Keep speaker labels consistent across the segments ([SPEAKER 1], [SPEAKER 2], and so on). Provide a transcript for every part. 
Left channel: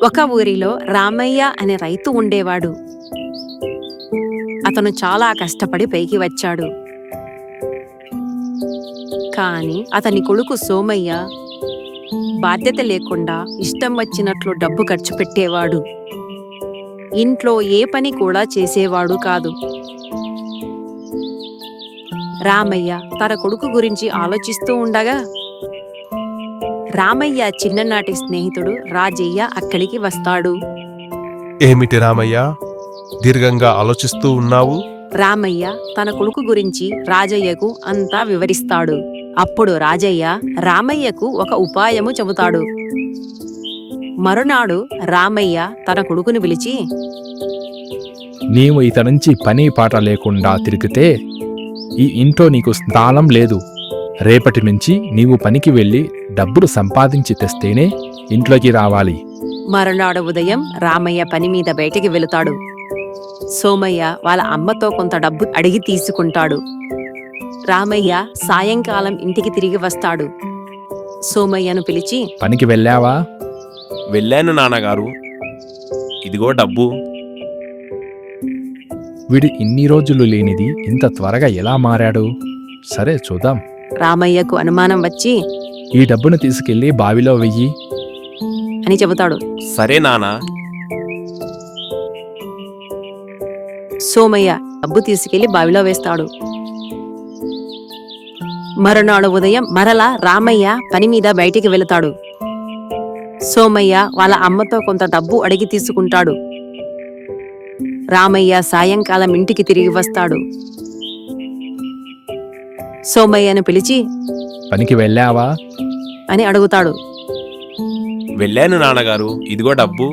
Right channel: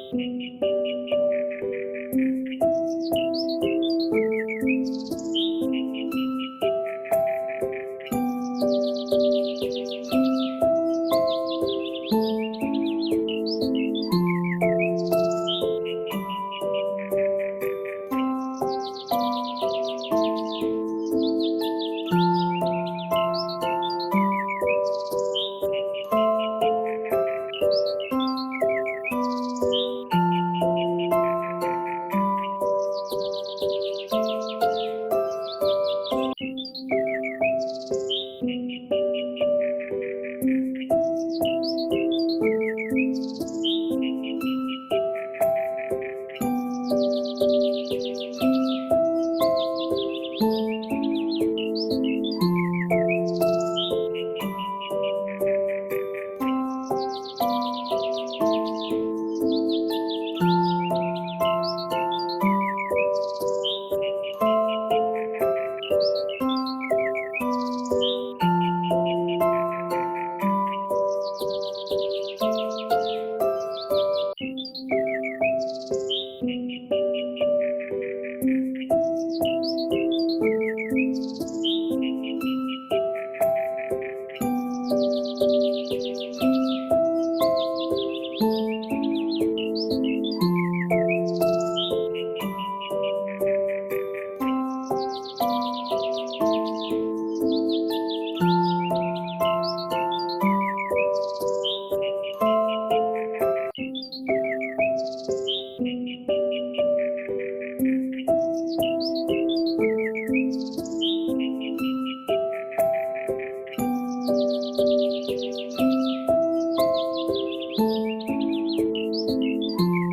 [SPEAKER 1] ఒక ఊరిలో రామయ్య అనే రైతు ఉండేవాడు. అతను చాలా కష్టపడి పైకి వచ్చాడు. కాని అతని కొడుకు సోమయ్య బాధ్యత లేకుండా ఇష్టం వచ్చినట్లు డబ్బు ఖర్చు పెట్టేవాడు. ఇంట్లో ఏ పని కూడా చేసేవాడు కాదు. రామయ్య తన కొడుకు గురించి ఆలోచిస్తూ ఉండగా రామయ్య చిన్ననాటి స్నేహితుడు రాజయ్య అక్కడికి వస్తాడు.
[SPEAKER 2] ఏమిటి రామయ్య, దీర్ఘంగా ఆలోచిస్తూ ఉన్నావు?
[SPEAKER 1] రామయ్య తన కొడుకు గురించి రాజయ్యకు అంతా వివరిస్తాడు. అప్పుడు రాజయ్య రామయ్యకు ఒక ఉపాయము చెబుతాడు. మరునాడు రామయ్య తన కొడుకుని పిలిచి,
[SPEAKER 3] నీవు ఇత నుంచి పని పాట లేకుండా తిరిగితే ఈ ఇంట్లో నీకు స్థానం లేదు. రేపటి నుంచి నీవు పనికి వెళ్ళి డబ్బులు సంపాదించి తెస్తేనే ఇంట్లోకి రావాలి.
[SPEAKER 1] మరునాడు ఉదయం రామయ్య పని మీద బయటికి వెళుతాడు. సోమయ్య వాళ్ళ అమ్మతో కొంత డబ్బు అడిగి తీసుకుంటాడు. రామయ్య సాయంకాలం ఇంటికి తిరిగి వస్తాడు. సోమయ్యను పిలిచి,
[SPEAKER 3] పనికి వెళ్ళావా?
[SPEAKER 2] వెళ్ళాను నాన్నగారు, ఇదిగో డబ్బు.
[SPEAKER 3] వీడు ఇన్ని రోజులు లేనిది ఇంత త్వరగా ఎలా మారాడు? సరే చూద్దాం.
[SPEAKER 1] రామయ్యకు అనుమానం వచ్చి
[SPEAKER 3] ఈ డబ్బును తీసుకెళ్లి బావిలో వెయ్యి
[SPEAKER 1] అని చెబుతాడు.
[SPEAKER 2] సరే నాన్న.
[SPEAKER 1] సోమయ్య డబ్బు తీసుకెళ్లి బావిలో వేస్తాడు. మరునాడు ఉదయం మరలా రామయ్య పని మీద బయటికి వెళతాడు. సోమయ్య వాళ్ళ అమ్మతో కొంత డబ్బు అడిగి తీసుకుంటాడు. రామయ్య సాయంకాలం ఇంటికి తిరిగి వస్తాడు. సోమయ్యను పిలిచి
[SPEAKER 3] పనికి వెళ్ళావా
[SPEAKER 1] అని అడుగుతాడు.
[SPEAKER 2] వెళ్ళాను నాన్నగారు, ఇదిగో డబ్బు.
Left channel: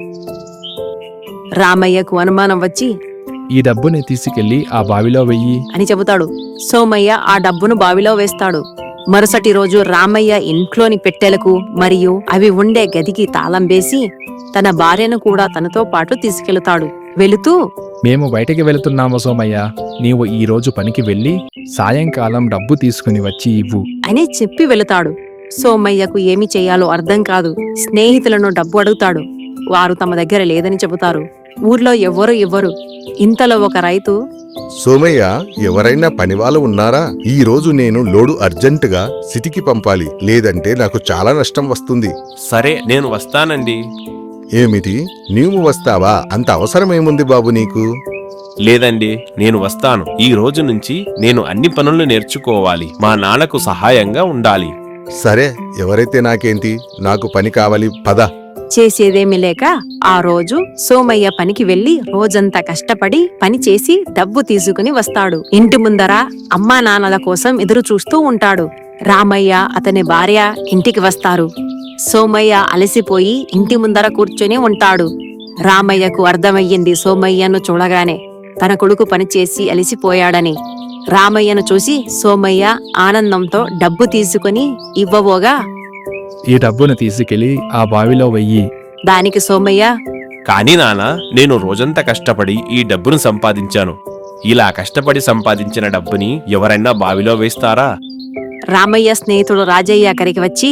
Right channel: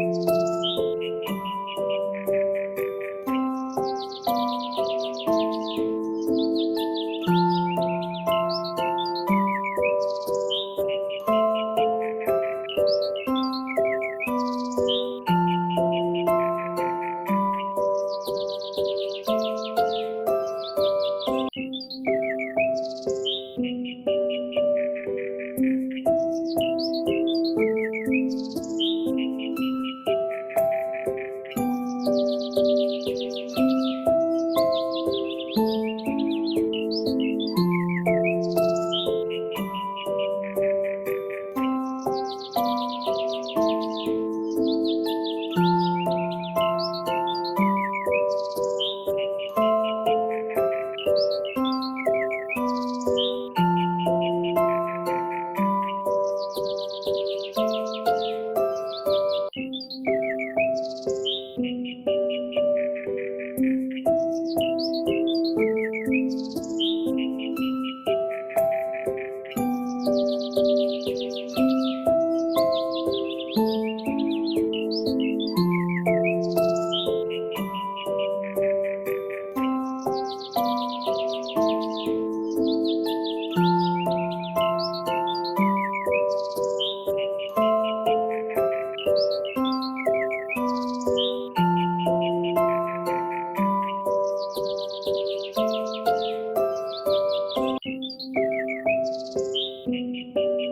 [SPEAKER 1] రామయ్యకు అనుమానం వచ్చి
[SPEAKER 3] ఈ డబ్బుని తీసుకెళ్లి ఆ బావిలో వెయ్యి
[SPEAKER 1] అని చెబుతాడు. సోమయ్య ఆ డబ్బును బావిలో వేస్తాడు. మరుసటి రోజు రామయ్య ఇంట్లోని పెట్టెలకు మరియు అవి ఉండే గదికి తాళం వేసి తన భార్యను కూడా తనతో పాటు తీసుకెళతాడు. వెళుతూ,
[SPEAKER 3] మేము బయటికి వెళుతున్నాము సోమయ్య, నీవు ఈ రోజు పనికి వెళ్ళి సాయంకాలం డబ్బు తీసుకుని వచ్చి ఇవ్వు
[SPEAKER 1] అని చెప్పి వెళతాడు. సోమయ్యకు ఏమి చేయాలో అర్థం కాదు. స్నేహితులను డబ్బు అడుగుతాడు. వారు తమ దగ్గర లేదని చెబుతారు. ఊర్లో ఎవ్వరూ ఇవ్వరు. ఇంతలో ఒక రైతు,
[SPEAKER 4] సోమయ్య, ఎవరైనా పనివాళ్ళు ఉన్నారా? ఈ రోజు నేను లోడు అర్జెంటుగా సిటీకి పంపాలి, లేదంటే నాకు చాలా నష్టం వస్తుంది.
[SPEAKER 2] సరే, నేను వస్తానండి.
[SPEAKER 4] ఏమిటి, నీవు వస్తావా? అంత అవసరమేముంది బాబు నీకు?
[SPEAKER 2] లేదండి, నేను వస్తాను. ఈ రోజు నుంచి నేను అన్ని పనులు నేర్చుకోవాలి. మా నాన్నకు సహాయంగా ఉండాలి.
[SPEAKER 4] సరే, ఎవరైతే నాకేంటి, నాకు పని కావాలి, పద.
[SPEAKER 1] చేసేదేమీ లేక ఆ రోజు సోమయ్య పనికి వెళ్లి రోజంతా కష్టపడి పని చేసి డబ్బు తీసుకుని వస్తాడు. ఇంటి ముందర అమ్మా నాన్నల కోసం ఎదురు చూస్తూ ఉంటాడు. రామయ్య అతని భార్య ఇంటికి వస్తారు. సోమయ్య అలసిపోయి ఇంటి ముందర కూర్చొని ఉంటాడు. రామయ్యకు అర్థమయ్యింది సోమయ్యను చూడగానే తన కొడుకు పనిచేసి అలసిపోయాడని. రామయ్యను చూసి సోమయ్య ఆనందంతో డబ్బు తీసుకుని ఇవ్వబోగా
[SPEAKER 3] ఈ డబ్బును తీసుకెళ్లి ఆ బావిలో వెయ్యి.
[SPEAKER 1] దానికి సోమయ్య,
[SPEAKER 2] కానీ నాన్న, నేను రోజంతా కష్టపడి ఈ డబ్బును సంపాదించాను. ఇలా కష్టపడి సంపాదించిన డబ్బుని ఎవరైనా బావిలో వేస్తారా?
[SPEAKER 1] రామయ్య స్నేహితుడు రాజయ్య అక్కడికి వచ్చి,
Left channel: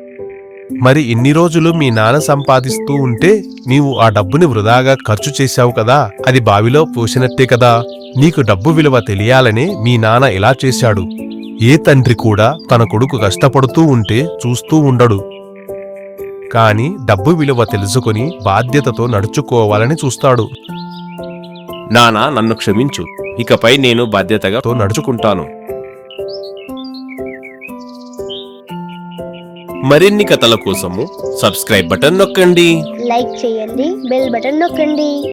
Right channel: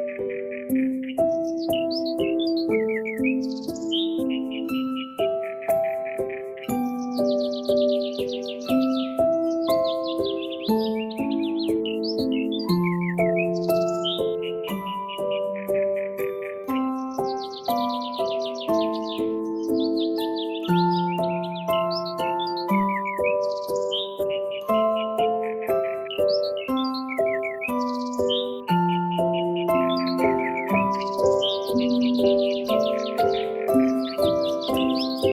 [SPEAKER 5] మరి ఇన్ని రోజులు మీ నాన్న సంపాదిస్తూ ఉంటే నీవు ఆ డబ్బుని వృధాగా ఖర్చు చేశావు కదా, అది బావిలో పోసినట్టే కదా. నీకు డబ్బు విలువ తెలియాలనే మీ నాన్న ఇలా చేశాడు. ఏ తండ్రి కూడా తన కొడుకు కష్టపడుతూ ఉంటే చూస్తూ ఉండడు, కాని డబ్బు విలువ తెలుసుకుని బాధ్యతతో నడుచుకోవాలని చూస్తాడు.
[SPEAKER 2] నాన్న, నన్ను క్షమించు. ఇకపై నేను బాధ్యతగా నడుచుకుంటాను. మరిన్ని కథల కోసము సబ్స్క్రైబ్ బటన్ నొక్కండి.
[SPEAKER 6] లైక్ చేయండి, బెల్ బటన్ నొక్కండి.